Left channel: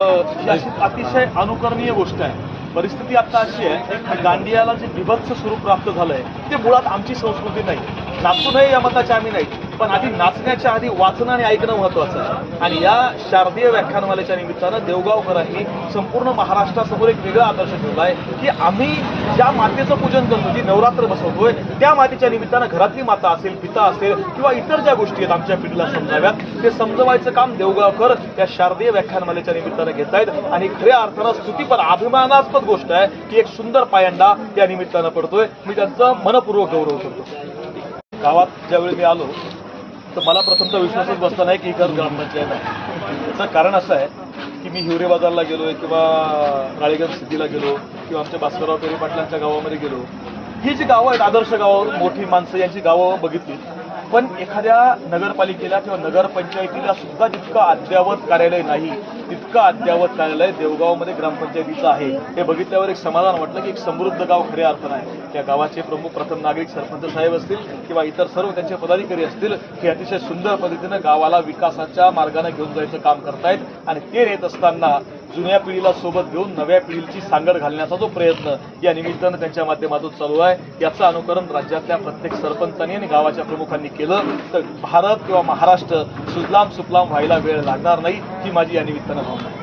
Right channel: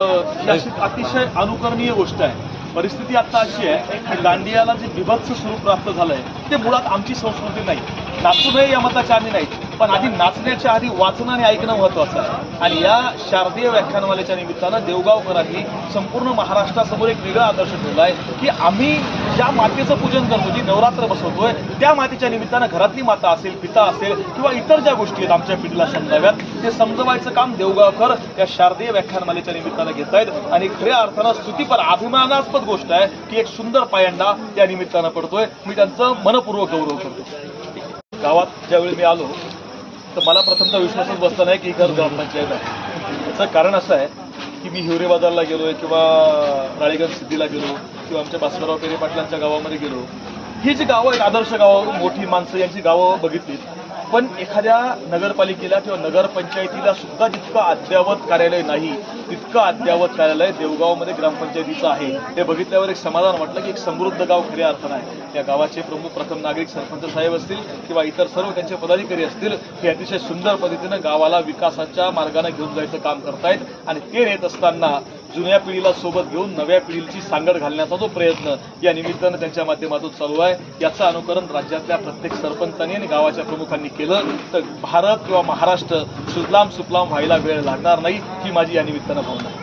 अतिशय अनुकरणीय गोष्ट आहे. परिस्थिती आता अशी आहे की दांडियाला जे बिभत्स स्वरूप प्राप्त झालंय ते मुळात आमची संस्कृती नाही. नाचूनही या मताचे आम्ही नाही पण आधी नाचण्याच्या आधी वाचणं आणि ऐकणं महत्वाचं आहे. आणि या शारदीय व्याख्यानमालेच्या निमित्तानं देवगावकरांनी संपूर्ण महाराष्ट्रासमोर एक वेगळा आदर्श ठेवला आहे की आम्ही ज्या मातेचं पूजन करतो जी नवरात्र बसवतोय त्या मातेच्या निमित्तानं घरातली माता असेल पिता असेल किंवा इतर ज्या गोष्टी आहेत आमच्या पिढीला समजाव्यात ते समजवायचं काम देवगावकर या शारदीय व्याख्यानमालेच्या निमित्तानं घेत आहेत. आणि खऱ्या अर्थानं स्तुतीपर अभिमानास्पद गोष्ट आहे की एक सुंदर पायंडा त्या निमित्तानं पडतोय. मी त्यांचा मनपूर्वक गौरव करतो. गावात ज्यावेळी मी आलो तर मला प्रथमतः विश्वासच बसला नाही की घर ग्रामपंचायत आहे. याचं कारण असं आहे की मी हिवरे बाजारला गेलो आहे किंवा राळेगंज सिद्धीला गेलो किंवा आमच्या भास्करराव पेरे पाटलांच्या गावामध्ये गेलो. ही जी गावं आहेत आदर्श गावं मोठी माणसं यांची गावं बघितली. पण एखाद्या नगरपालिकेला किंवा नगरपंचायतीला सुद्धा जितकं अद्ययावत कार्यालय नाही तितकं अद्ययावत कार्यालय देवगावमध्ये ग्रामपंचायतीचं आहे. ते बघितल्यावर एक समाधान वाटलं की एक समृद्ध गाव खऱ्या अर्थानं आहे. त्या गावाचे प्रमुख प्रथम नागरिक सरपंच साहेब असतील किंवा इतर सर्व त्यांचे पदाधिकारी असतील हे अतिशय सुंदर पद्धतीनं गावाला विकासाच्या मार्गाने घेऊन जायचं काम करतायत. आणि ते येत असताना जुन्या पिढीला सोबत घेऊन नव्या पिढीची सांगड घालण्याचा जो प्रयत्न या निमित्तानं त्यांच्या माध्यमातून चालू आहे. याचं अनुकरण राज्यातल्या प्रत्येक सरपंचांनी आणि गावाच्या प्रमुखांनी केलं तर भारत किंवा महाराष्ट्र सुजलाम सुफलाम व्हायला वेळ लागणार नाही ही माझी या निमित्तानं भावना